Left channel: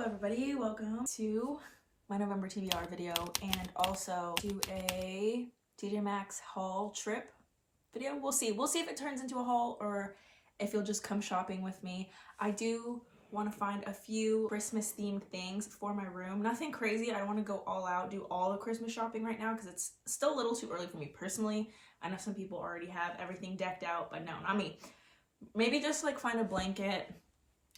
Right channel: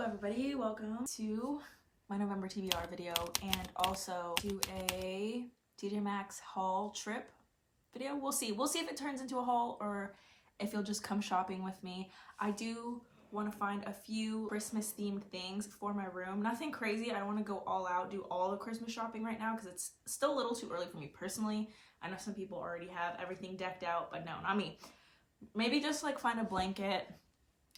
Hello everybody, welcome to my November TBR video and also to a TJ Maxx haul trip video. We'll see if it turns into a haul or if you'll just come shopping with me. I do want to find a few Christmas themed things for my room. Nothing crazy. I don't want to go all out, do all the Christmas shopping right now because it's still a little too early for me personally. I know some people already have everything decked out, but no, not me. Maybe just like find a blanket.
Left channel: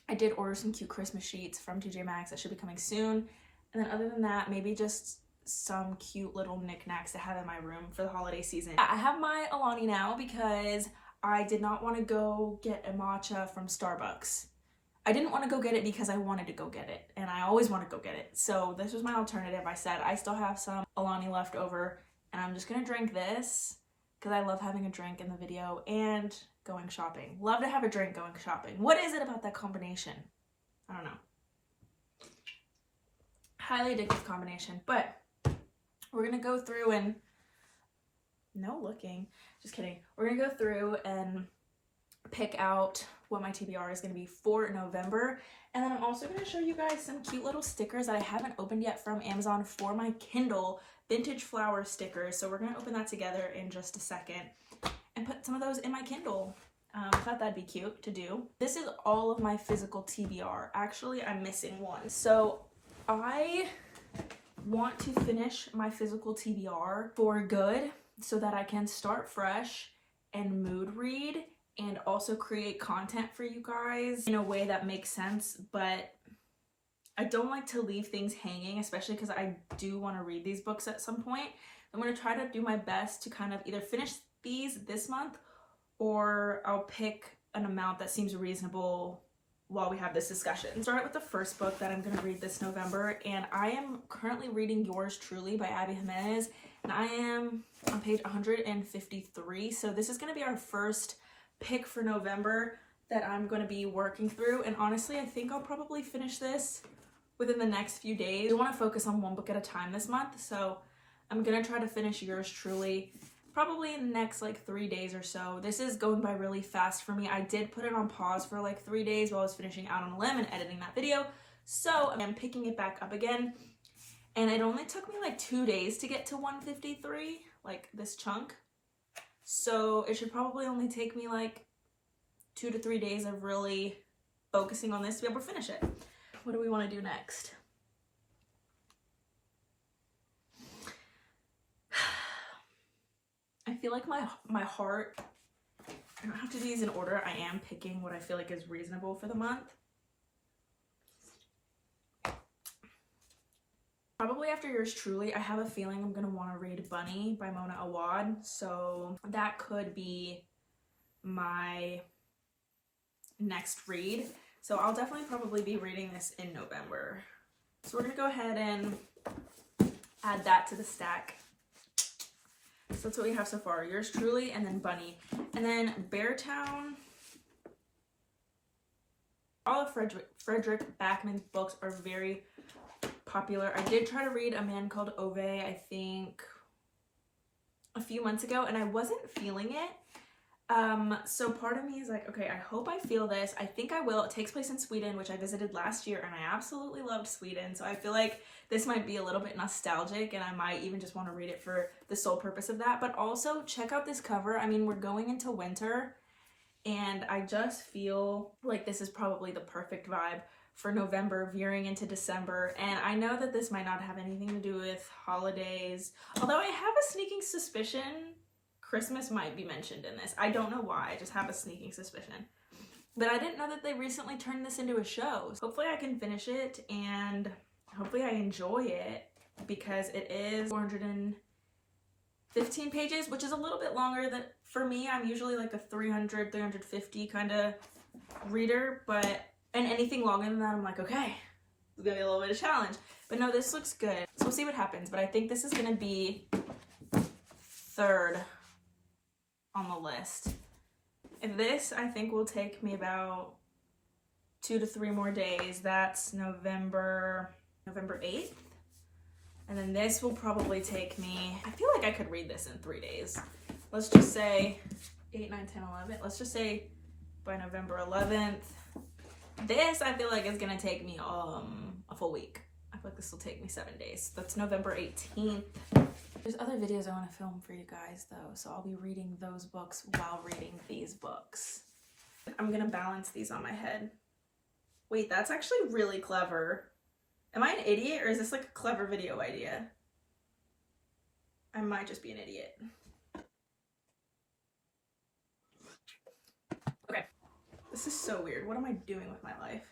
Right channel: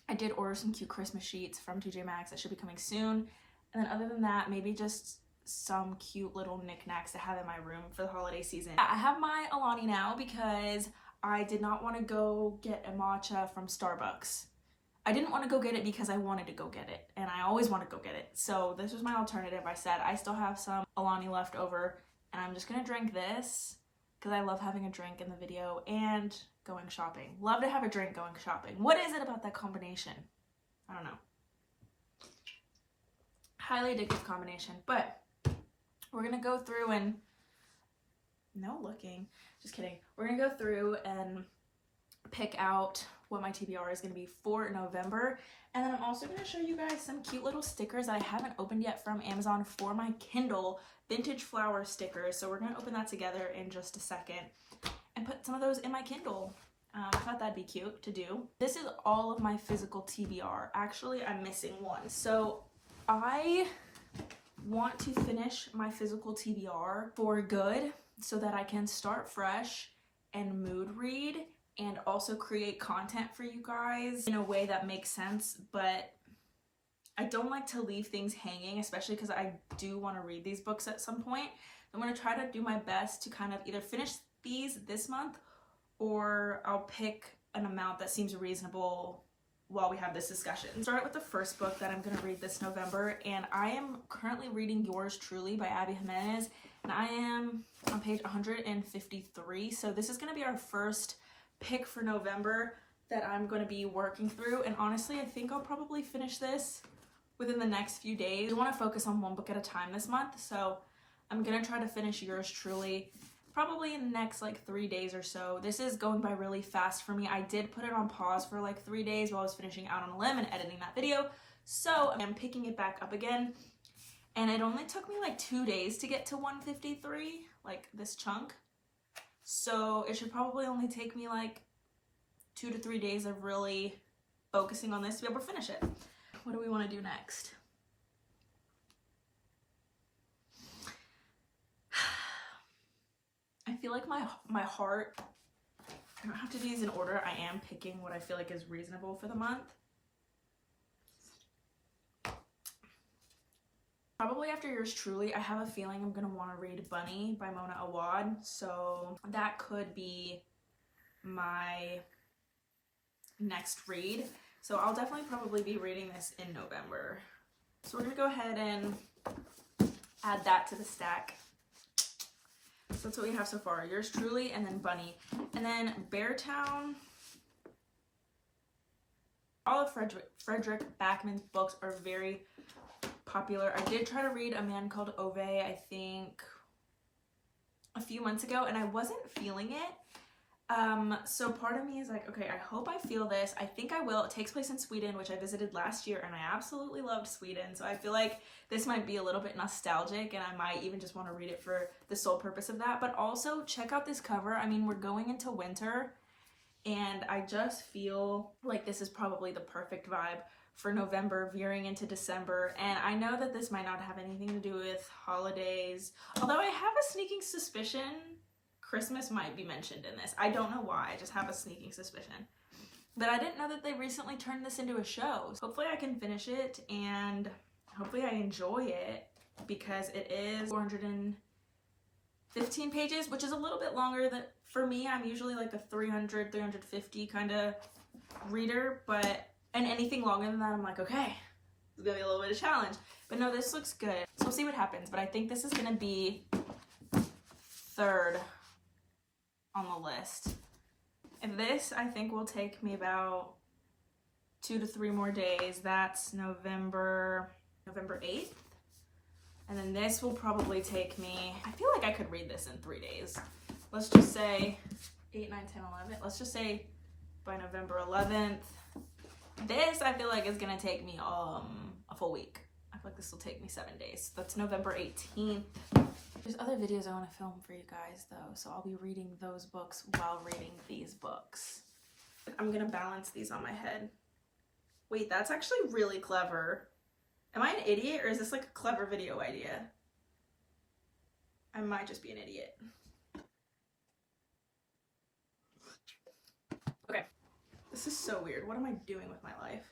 I did order some cute Christmas sheets from TJ Maxx that should be coming soon. And then other than that, maybe just some cute little knickknacks to have in my room for the holiday season. I have my Alani now because I did not want to go get a matcha from Starbucks. I didn't want to go get it because I wanted to go get it, and I always want to go get it. So this was my alternative. I said I still have some Alani left over, and I'm just gonna drink this because I love having a drink in the video and going shopping. Love to have a drink going shopping. What is it about that combination? I don't know. Highly addictive combination, but we're gonna go through and just kidding. We're gonna go through and pick out what my TBR is gonna be for November. And then I'm also gonna show you guys some cute little stickers that I haven't opened yet from Amazon for my Kindle vintage flower stickers. So we're gonna open that together in just a second and put some of those in my Kindle. I thought that'd be cute to do. This is all of my physical TBR. Actually, I'm missing one. So I want to finish my physical TBR for good so that I can start fresh and mood read and also create content for you guys in a way that makes sense. But I don't like to leave things hanging, especially because I do want to read these books at some point. I'm going to try to do my best to kind of either finish these this month or I'll pick an amount that seems reasonable while we have this discussion. Start with the first book that I'm going to read this November, and I am currently reading Yours Truly by Abby Jimenez, and I am on page 153. So this is going to be our first pick for November that I'm going to be working through, and honestly I think I'll probably finish this within the next few days. I want to focus on one book at a time this month, so I'm going to try to finish Yours Truly probably in the next like 3 days or so. This is going by really fast for me. I did put it on pause for like 3 days while I was finishing Out on a Limb and editing that video, so I'm picking it back up again, and it only took me like 2 days to get to 153, like this chunk. So it should probably only take me like 2 to 3 days of really focusing on this to be able to finish it. What do we want to do next? I feel like my heart, I don't have to do these in order. I am picking what I feel like is reasonable for the month. Probably after Yours Truly, I have a feeling I'm going to want to read Bunny by Mona Awad. So that could be my next read. So I'll definitely probably be reading this in November. So we're going to go ahead and add that to the stack. So that's what we have so far. Yours Truly and then Bunny. And then Beartown. All of Frederick Backman's books are very popular. I did try to read A Man Called Ove, I think a few months ago, and I wasn't feeling it. So part of me is like, okay, I hope I feel this. I think I will. It takes place in Sweden, which I visited last year, and I absolutely loved Sweden. So I feel like this might be a little bit nostalgic, and I might even just want to read it for the sole purpose of that. But also check out this cover. I mean, we're going into winter, and I just feel like this is probably the perfect vibe for November veering into December. And I know that this might not have anything to do with holidays, although I have a sneaking suspicion Christmas might be mentioned in this. I don't know why, I just have a sneaking suspicion. But I didn't know that they recently turned this into a show. So hopefully I can finish it and hopefully I enjoy it because it is 415 pages, which is a little bit longer than, for me, I'm usually like a 300, 350 kind of reader, and anything longer than that, I'm like, okay, it's gonna be a little bit of a challenge. But no, this looks good. So we'll see what happens, but I think this is gonna be third on the list. And this, I think, will take me about 2 to 3 more days. That's November 8th. And then this will probably take me, I feel like I could read this in 3 days. Let's just say 8, 9, 10, 11. Let's just say by November 11th. This, I feel like, is gonna take me a full week. I feel like this will take me 7 days. That's November 18th. There's other videos I want to film for you guys though, so I'll be reading those books while reading these books. I'm gonna balance these on my head. Wait, that's actually really clever. Am I an idiot or is this like a clever video idea? I might just be an idiot. Okay, this is so weird. What am I doing with my life?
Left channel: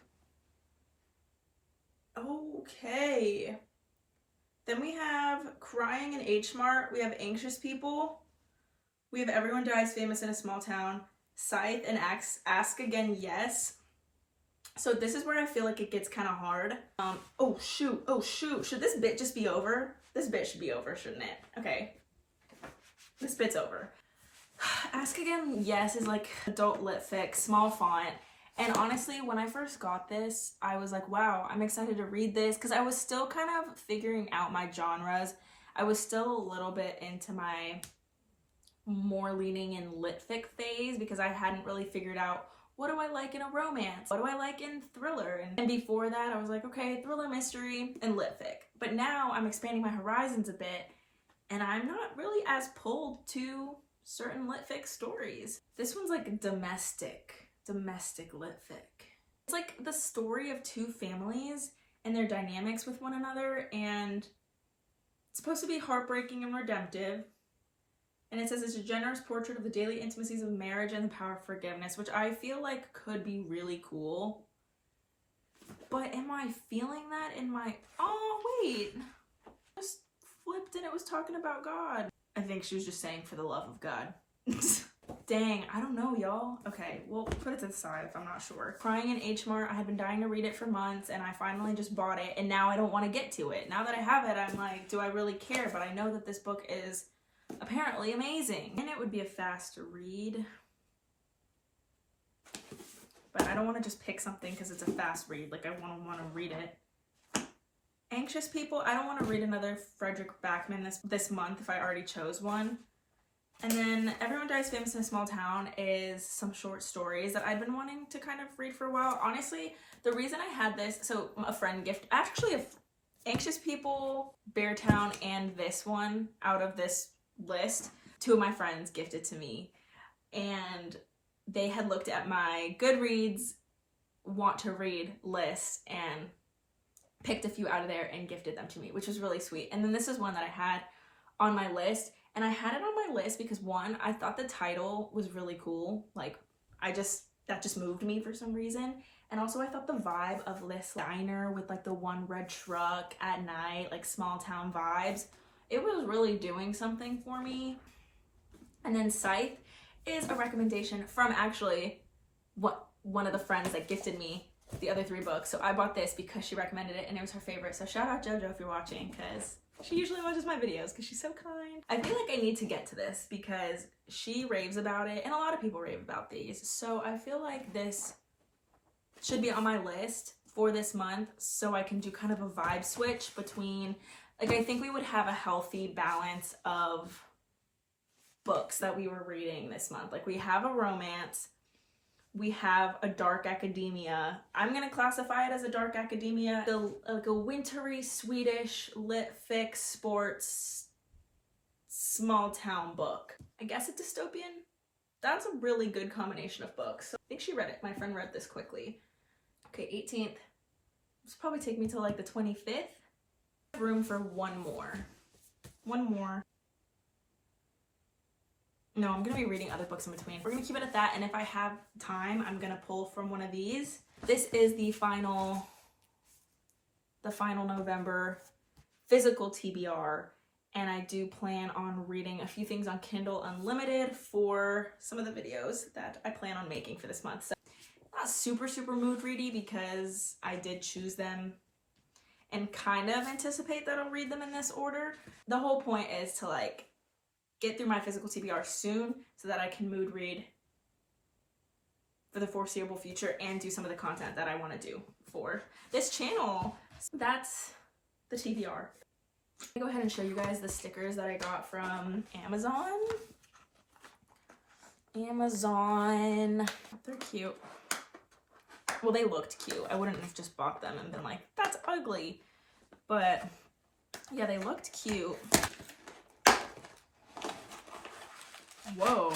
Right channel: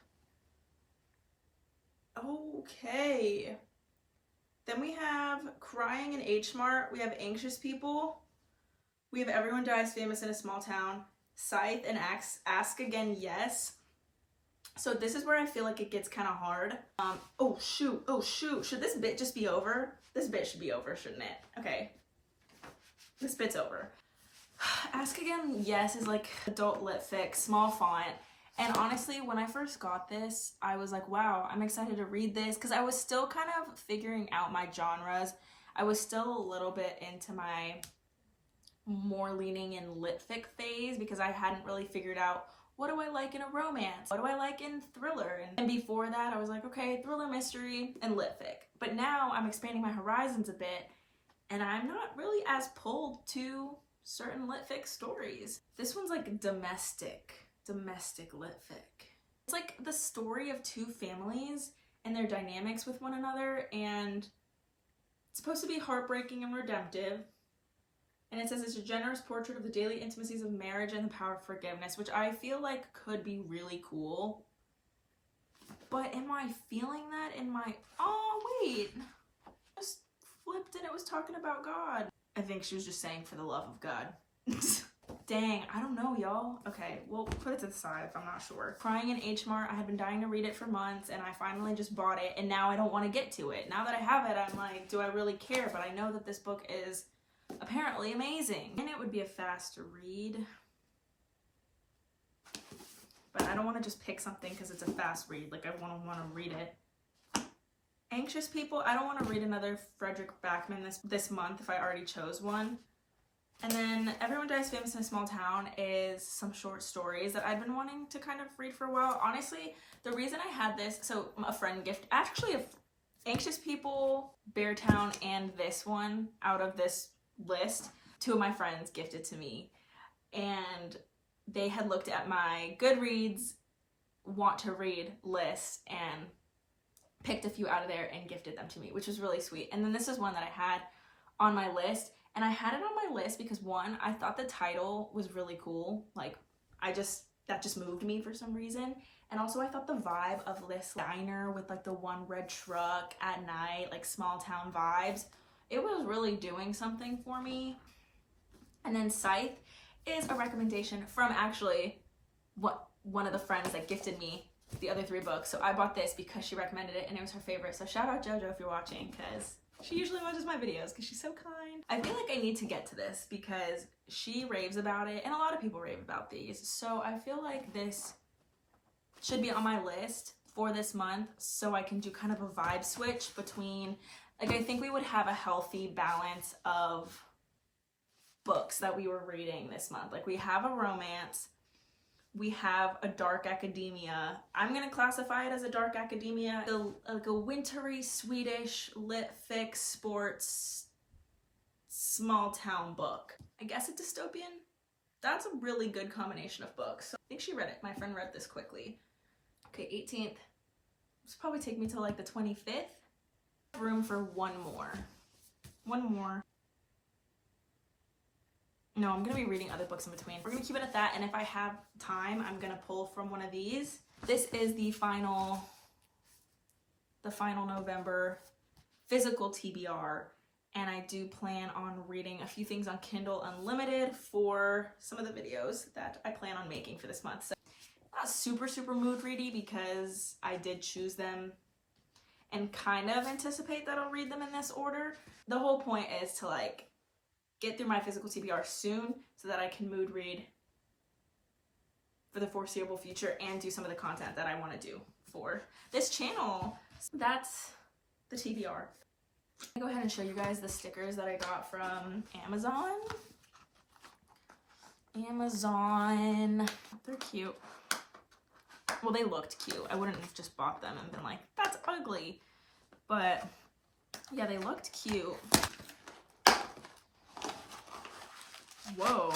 Okay. Then we have Crying in H Mart. We have Anxious People. We have Everyone Dies Famous in a Small Town. Scythe and Ask Again Yes. So this is where I feel like it gets kind of hard. Oh shoot. Should this bit just be over? This bit should be over, shouldn't it? Okay. This bit's over. Ask Again Yes is like adult lit fic, small font. And honestly, when I first got this, I was like, wow, I'm excited to read this because I was still kind of figuring out my genres. I was still a little bit into my more leaning in lit fic phase because I hadn't really figured out what do I like in a romance? What do I like in thriller? And before that, I was like, okay, thriller, mystery, and lit fic. But now I'm expanding my horizons a bit and I'm not really as pulled to certain lit fic stories. This one's like domestic lit fic. It's like the story of two families and their dynamics with one another, and it's supposed to be heartbreaking and redemptive. And it says it's a generous portrait of the daily intimacies of marriage and the power of forgiveness, which I feel like could be really cool. But am I feeling that in my... Oh, wait. Just flipped and it was talking about God. I think she was just saying for the love of God. Dang, I don't know, y'all. Okay, we'll put it to the side if I'm not sure. Crying in H Mart, I had been dying to read it for months and I finally just bought it and now I don't want to get to it. Now that I have it, I'm like, do I really care? But I know that this book is apparently amazing. And it would be a fast read. But I don't want to just pick something because it's a fast read. Like, I want to read it. Anxious People, I don't want to read another Frederick Backman this month if I already chose one. And then Everyone Dies Famous in a Small Town is some short stories that I've been wanting to kind of read for a while. Honestly, the reason I had this, so a friend gift, actually Anxious People, Beartown, and this one out of this list, two of my friends gifted to me. And they had looked at my Goodreads want to read list and picked a few out of there and gifted them to me, which was really sweet. And then this is one that I had on my list. And I had it on my list because one, I thought the title was really cool. Like, that just moved me for some reason. And also I thought the vibe of this diner with like the one red truck at night, like small town vibes, it was really doing something for me. And then Scythe is a recommendation from actually one of the friends that gifted me the other 3 books. So I bought this because she recommended it and it was her favorite. So shout out JoJo if you're watching, because she usually watches my videos because she's so kind. I feel like I need to get to this because she raves about it and a lot of people rave about these. So I feel like this should be on my list for this month so I can do kind of a vibe switch between, like, I think we would have a healthy balance of books that we were reading this month. Like, we have a romance, we have a dark academia. I'm gonna classify it as a dark academia. Like a wintry Swedish lit fic sports small town book. I guess a dystopian. That's a really good combination of books. So I think she read it. My friend read this quickly. Okay, 18th. This will probably take me till like the 25th. Room for one more. No, I'm gonna be reading other books in between. We're gonna keep it at that, and if I have time, I'm gonna pull from one of these. This is the final November physical TBR, and I do plan on reading a few things on Kindle Unlimited for some of the videos that I plan on making for this month. So not super mood ready because I did choose them and kind of anticipate that I'll read them in this order. The whole point is to like get through my physical TBR soon so that I can mood read for the foreseeable future and do some of the content that I want to do for this channel. So that's the TBR. I'll go ahead and show you guys the stickers that I got from Amazon. They're cute. Well, they looked cute. I wouldn't have just bought them and been like, that's ugly. ugly. But yeah, they looked cute. Whoa.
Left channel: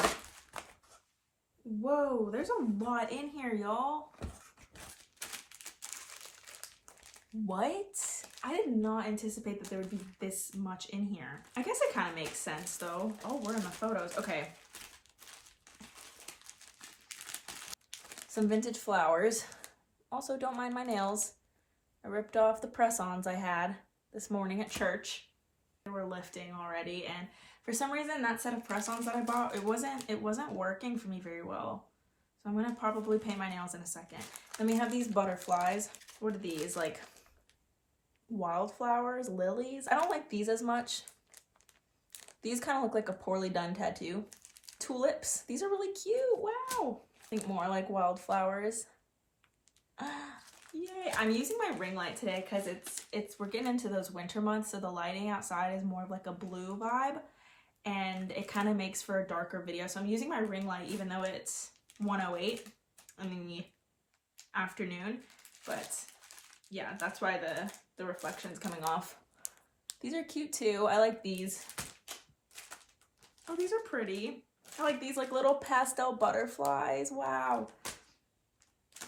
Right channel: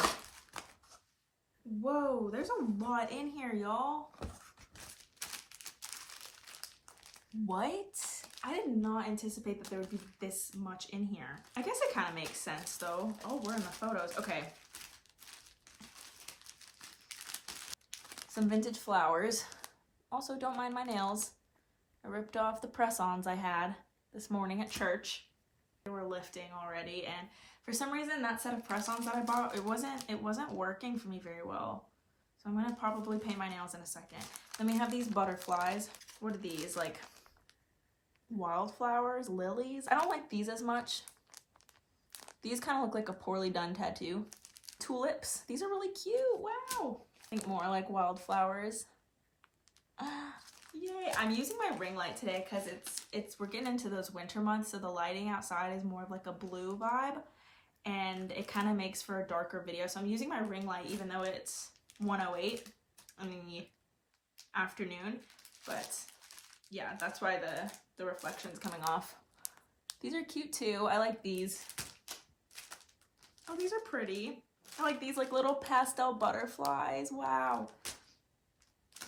Whoa, there's a lot in here, y'all. What? I did not anticipate that there would be this much in here. I guess it kind of makes sense though. Oh, we're in the photos. Okay. Some vintage flowers. Also, don't mind my nails. I ripped off the press-ons I had this morning at church. They were lifting already, and for some reason that set of press-ons that I bought, it wasn't working for me very well. So I'm gonna probably paint my nails in a second. Then we have these butterflies. What are these? Like wildflowers, lilies. I don't like these as much. These kind of look like a poorly done tattoo. Tulips. These are really cute. Wow. I think more like wildflowers. Yay. I'm using my ring light today because we're getting into those winter months, so the lighting outside is more of like a blue vibe, and it kind of makes for a darker video. So I'm using my ring light even though it's 1:08 in the afternoon, but yeah, that's why the reflection's coming off. These are cute too. I like these. Oh, these are pretty. I like these like little pastel butterflies. Wow.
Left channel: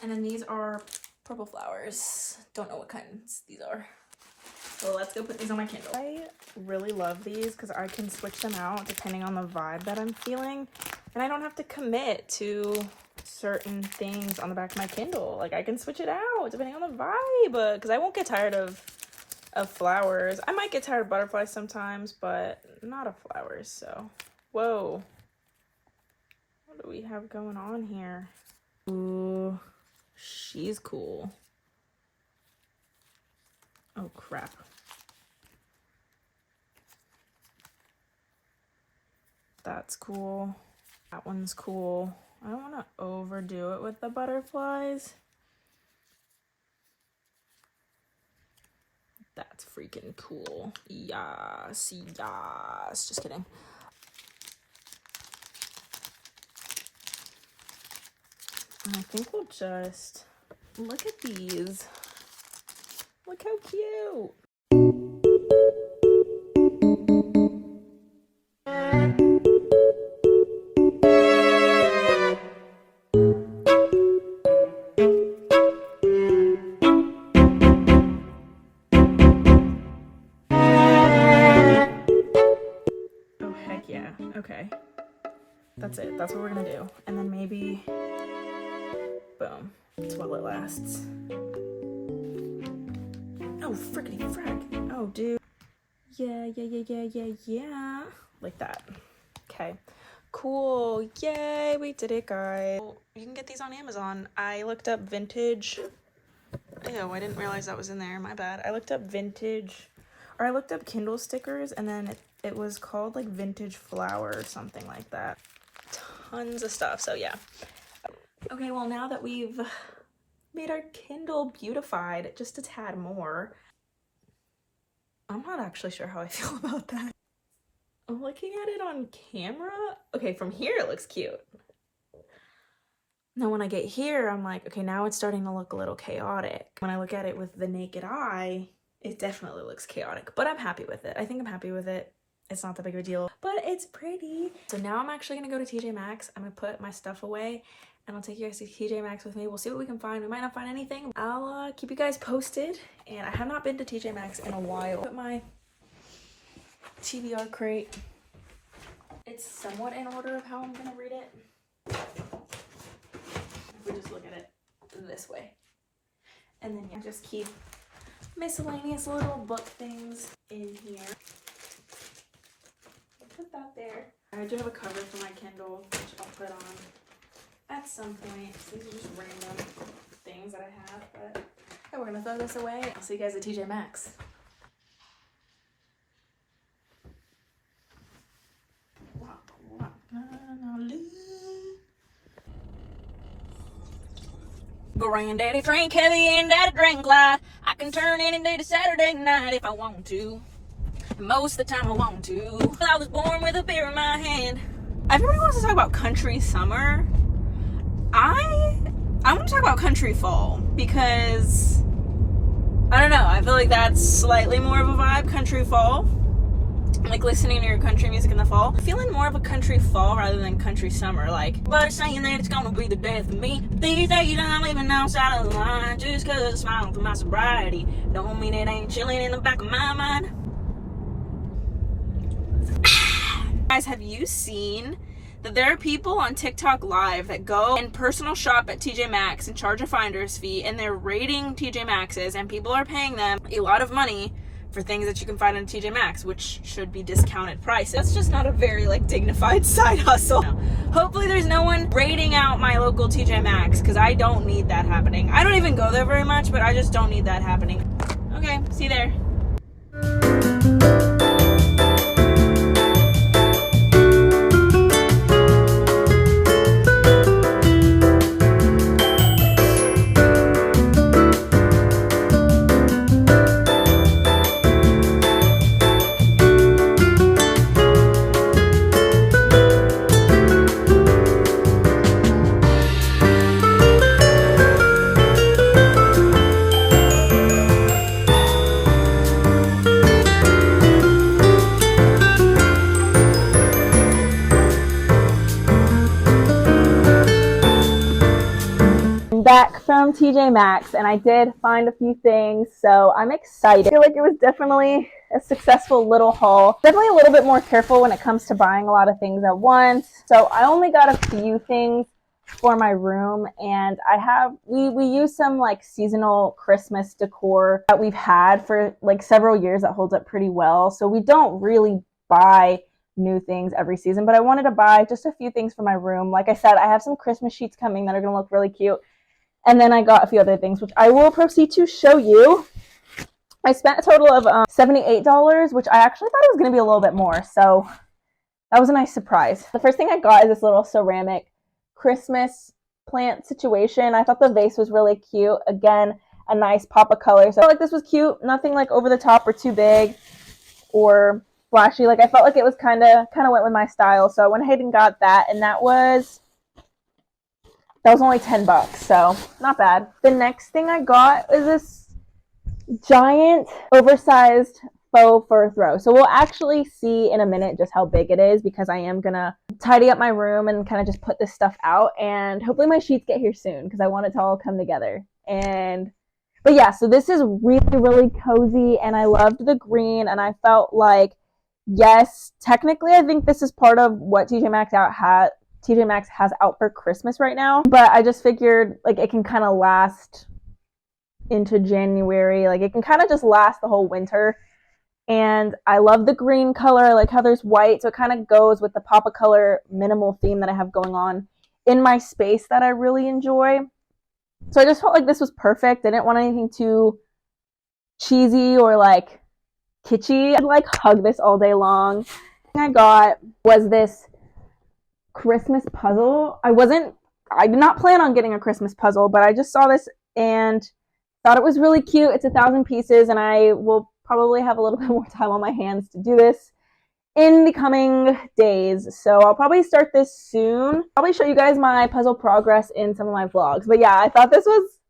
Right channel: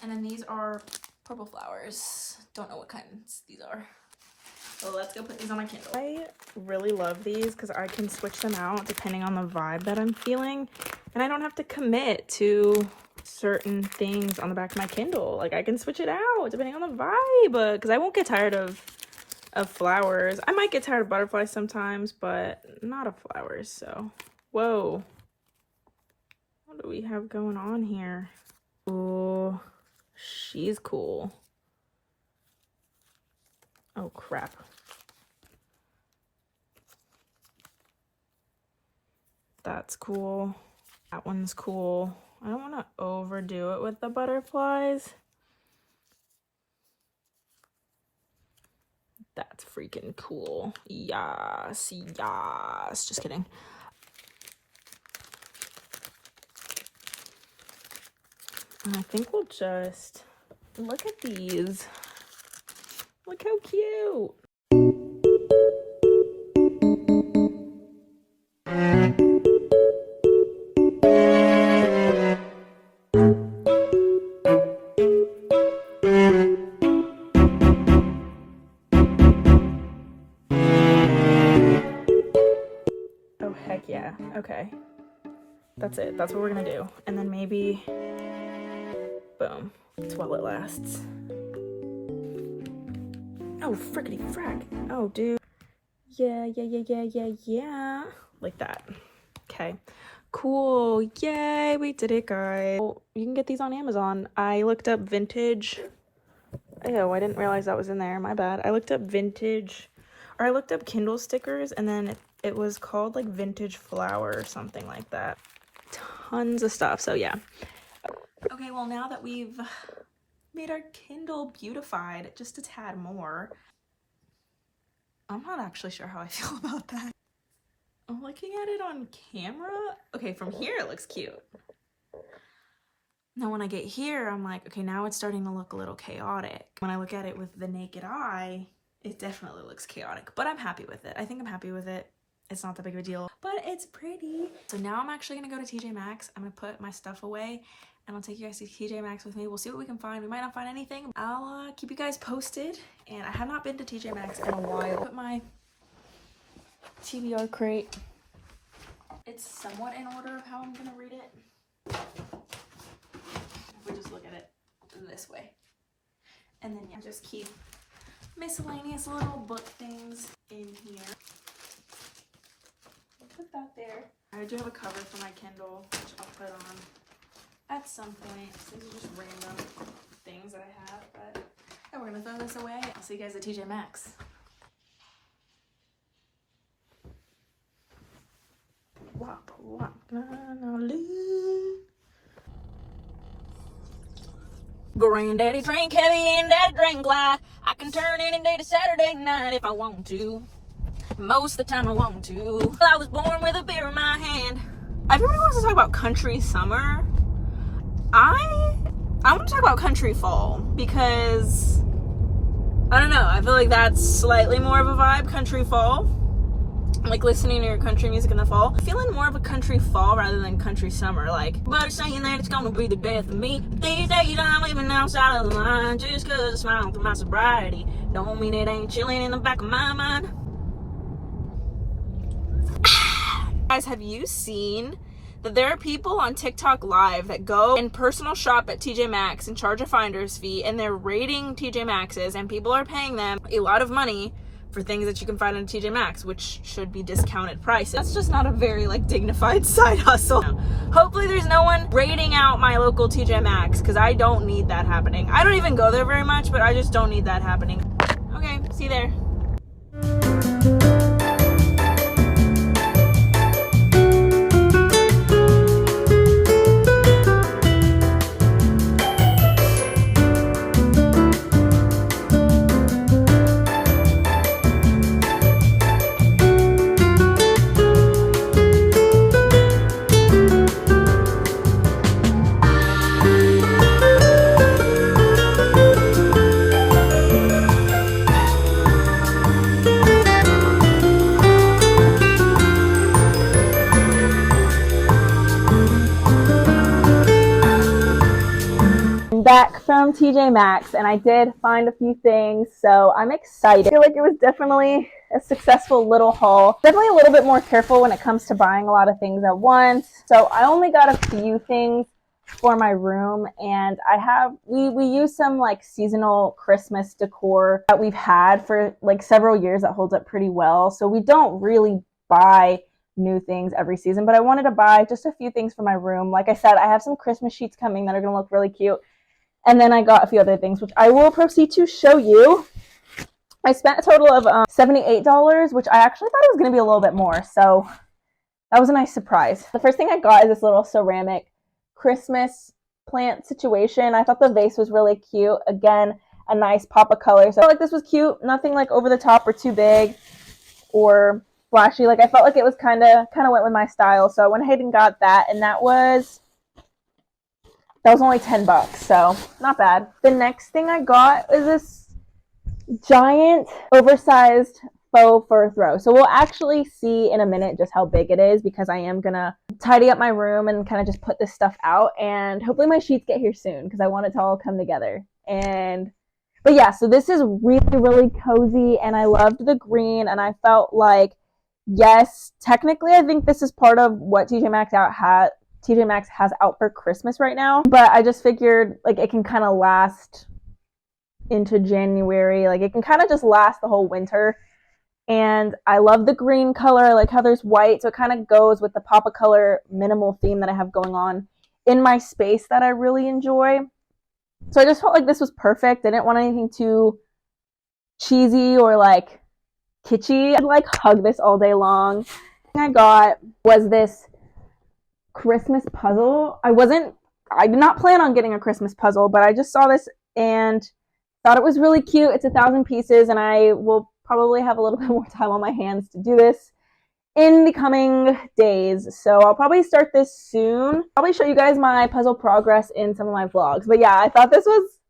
And then these are purple flowers. Don't know what kinds these are. So let's go put these on my Kindle. I really love these because I can switch them out depending on the vibe that I'm feeling. And I don't have to commit to certain things on the back of my Kindle. Like I can switch it out depending on the vibe, because I won't get tired of flowers. I might get tired of butterflies sometimes, but not of flowers. So, whoa. What do we have going on here? Oh, she's cool. Oh crap. That's cool. That one's cool. I don't want to overdo it with the butterflies. That's freaking cool. Yes, yes. Just kidding. And I think we'll just look at these. Look how cute. Oh, heck yeah. Okay. That's it. That's what we're gonna do. And then maybe, boom. It's while it lasts. Oh, frickety frack. Oh, dude. Yeah. Like that. Okay. Cool. Yay. We did it, guys. Oh, you can get these on Amazon. I looked up vintage. Ew, I didn't realize that was in there. My bad. I looked up vintage, or I looked up Kindle stickers, and then it was called like vintage flower or something like that. Tons of stuff. So yeah. Okay, well, now that we've made our Kindle beautified just a tad more, I'm not actually sure how I feel about that. I'm looking at it on camera. Okay, from here it looks cute. Now when I get here, I'm like, okay, now it's starting to look a little chaotic. When I look at it with the naked eye, it definitely looks chaotic, but I'm happy with it. I think I'm happy with it. It's not that big of a deal, but it's pretty. So now I'm actually gonna go to TJ Maxx. I'm gonna put my stuff away and I'll take you guys to TJ Maxx with me. We'll see what we can find. We might not find anything. I'll keep you guys posted. And I have not been to TJ Maxx in a while. Put my TBR crate. It's somewhat in order of how I'm gonna read it. If we just look at it this way. And then yeah, just keep miscellaneous little book things in here. Put that there. I do have a cover for my Kindle, which I'll put on at some point. These are just random things that I have, but yeah, we're gonna throw this away. I'll see you guys at TJ Maxx. Granddaddy drank heavy and daddy drank light. I can turn any day to Saturday night if I want to. Most of the time I want to. I was born with a beer in my hand. Everybody wants to talk about country summer. I want to talk about country fall, because I don't know. I feel like that's slightly more of a vibe. Country fall. Like listening to your country music in the fall. Feeling more of a country fall rather than country summer. Like, but saying that it's gonna be the death of me. These days I'm living outside of the line. Just cause I'm smiling for my sobriety don't mean it ain't chilling in the back of my mind. Guys, have you seen that there are people on TikTok live that go and personal shop at TJ Maxx and charge a finder's fee, and they're rating TJ Maxx's, and people are paying them a lot of money for things that you can find in TJ Maxx, which should be discounted prices. That's just not a very like dignified side hustle. Hopefully there's no one rating out my local TJ Maxx, because I don't need that happening. I don't even go there very much, but I just don't need that happening. Okay, see you there. Back from TJ Maxx, and I did find a few things, so I'm excited. I feel like it was definitely a successful little haul. Definitely a little bit more careful when it comes to buying a lot of things at once. So I only got a few things for my room, and we use some like seasonal Christmas decor that we've had for like several years that holds up pretty well. So we don't really buy new things every season, but I wanted to buy just a few things for my room. Like I said, I have some Christmas sheets coming that are going to look really cute. And then I got a few other things, which I will proceed to show you. I spent a total of $78, which I actually thought it was going to be a little bit more. So that was a nice surprise. The first thing I got is this little ceramic Christmas plant situation. I thought the vase was really cute. Again, a nice pop of color. So I felt like this was cute. Nothing like over the top or too big or flashy. Like I felt like it was kind of went with my style. So I went ahead and got that. And that was only $10, so not bad. The next thing I got is this giant oversized faux fur throw. So we'll actually see in a minute just how big it is, because I am gonna tidy up my room and kind of just put this stuff out, and hopefully my sheets get here soon because I want it to all come together. But yeah, so this is really, really cozy, and I loved the green, and I felt like, yes, technically I think this is part of what TJ Maxx has out for Christmas right now, but I just figured like it can kind of last into January. Like it can kind of just last the whole winter. And I love the green color. I like how there's white, so it kind of goes with the pop of color minimal theme that I have going on in my space that I really enjoy. So I just felt like this was perfect. I didn't want anything too cheesy or like kitschy. I'd like hug this all day long. The thing I got was this Christmas puzzle. I did not plan on getting a Christmas puzzle, but I just saw this and thought it was really cute. It's 1,000 pieces, and I will probably have a little bit more time on my hands to do this in the coming days. So I'll probably start this soon. Probably show you guys my puzzle progress in some of my vlogs. But yeah, I thought this was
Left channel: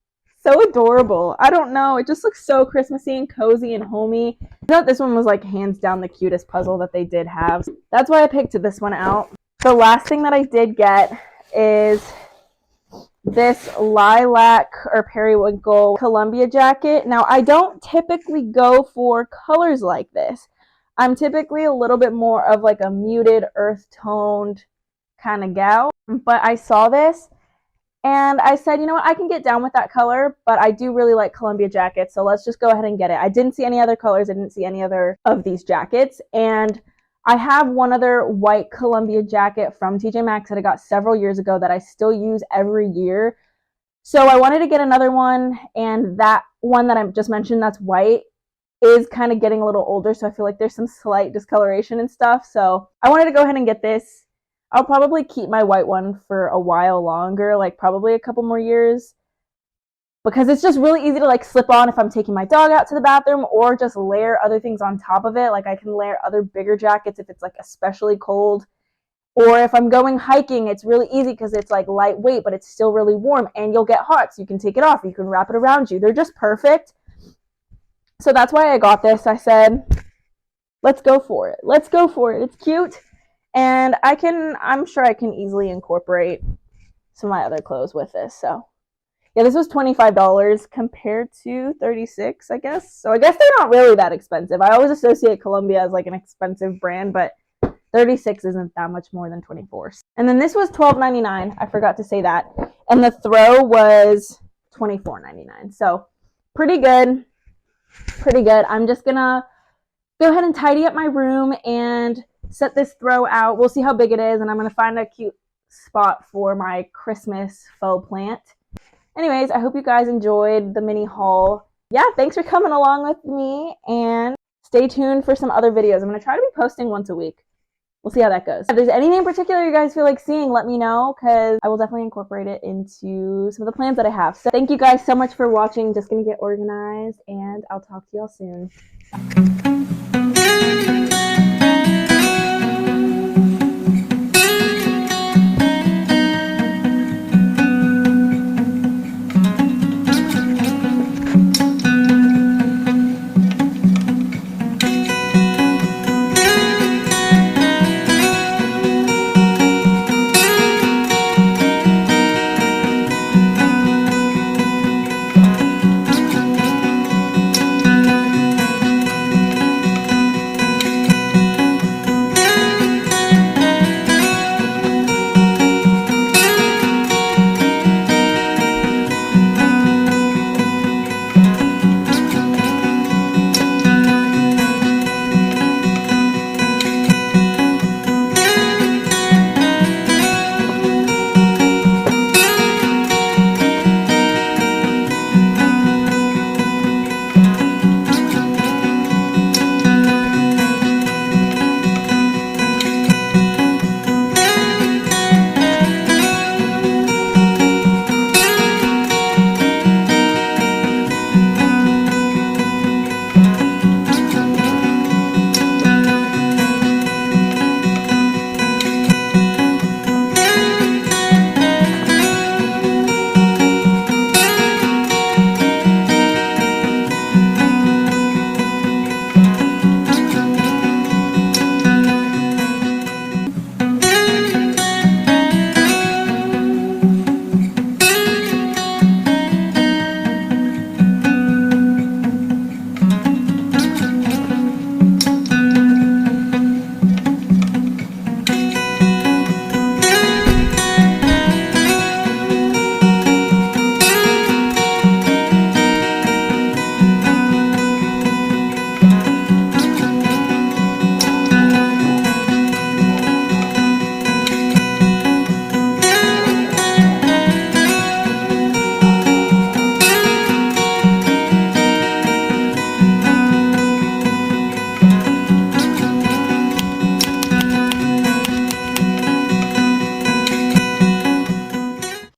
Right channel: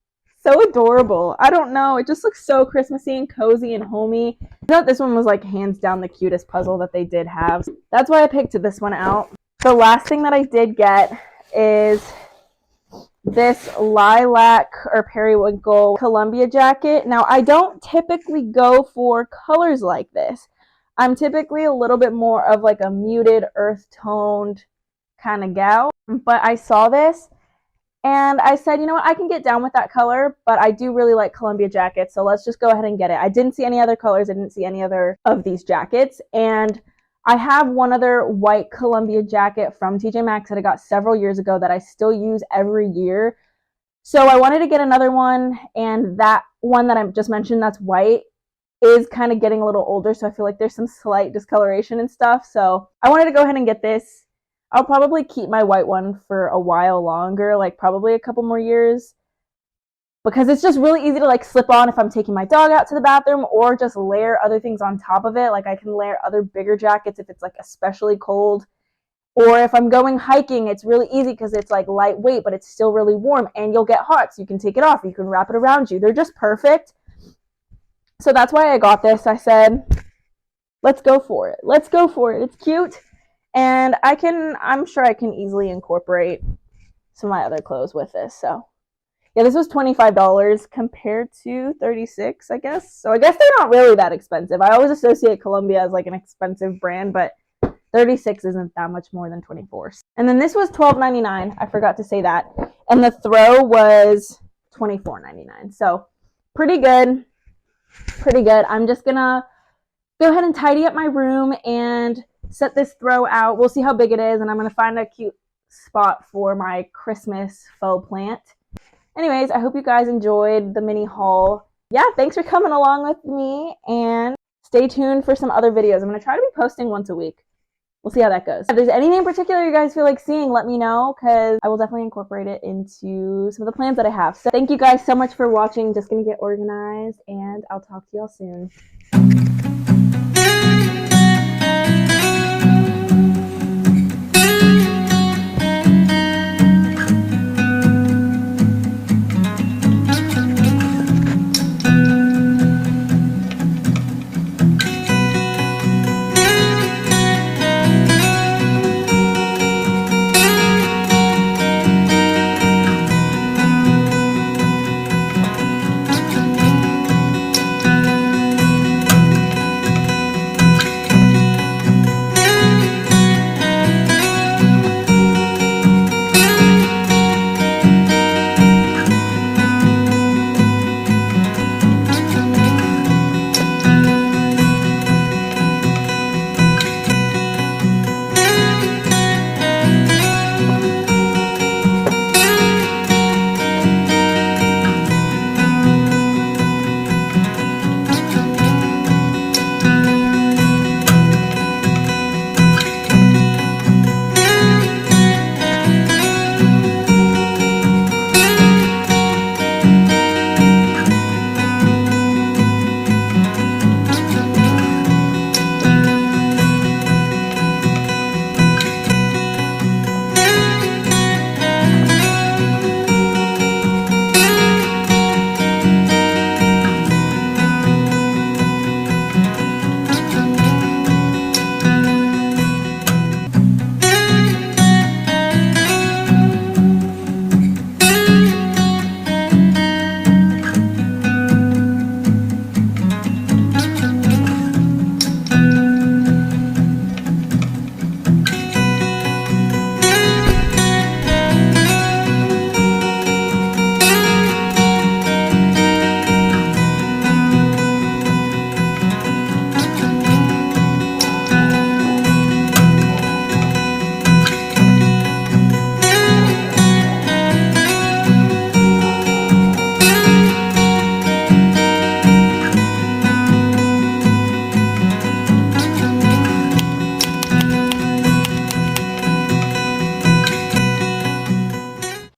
so adorable. I don't know. It just looks so Christmassy and cozy and homey. I thought this one was like hands down the cutest puzzle that they did have. That's why I picked this one out. The last thing that I did get is this lilac or periwinkle Columbia jacket. Now, I don't typically go for colors like this. I'm typically a little bit more of like a muted, earth-toned kind of gal. But I saw this and I said, you know what, I can get down with that color, but I do really like Columbia jackets, so let's just go ahead and get it. I didn't see any other colors. I didn't see any other of these jackets. And I have one other white Columbia jacket from TJ Maxx that I got several years ago that I still use every year. So I wanted to get another one, and that one that I just mentioned that's white is kind of getting a little older, so I feel like there's some slight discoloration and stuff. So I wanted to go ahead and get this. I'll probably keep my white one for a while longer, like probably a couple more years, because it's just really easy to like slip on if I'm taking my dog out to the bathroom, or just layer other things on top of it. Like I can layer other bigger jackets if it's like especially cold, or if I'm going hiking, it's really easy because it's like lightweight, but it's still really warm, and you'll get hot, so you can take it off, you can wrap it around you. They're just perfect. So that's why I got this. I said, let's go for it. Let's go for it. It's cute. And I'm sure I can easily incorporate some of my other clothes with this. So yeah, this was $25 compared to 36, I guess. So I guess they're not really that expensive. I always associate Columbia as like an expensive brand, but 36 isn't that much more than 24. And then this was $12.99. I forgot to say that. And the throw was $24.99. So pretty good. Pretty good. I'm just gonna go ahead and tidy up my room and set this throw out. We'll see how big it is, and I'm gonna find a cute spot for my Christmas faux plant. Anyways, I hope you guys enjoyed the mini haul. Yeah, thanks for coming along with me, and stay tuned for some other videos. I'm gonna try to be posting once a week. We'll see how that goes. If there's anything in particular you guys feel like seeing, let me know, because I will definitely incorporate it into some of the plans that I have. So thank you guys so much for watching. Just gonna get organized, and I'll talk to y'all soon.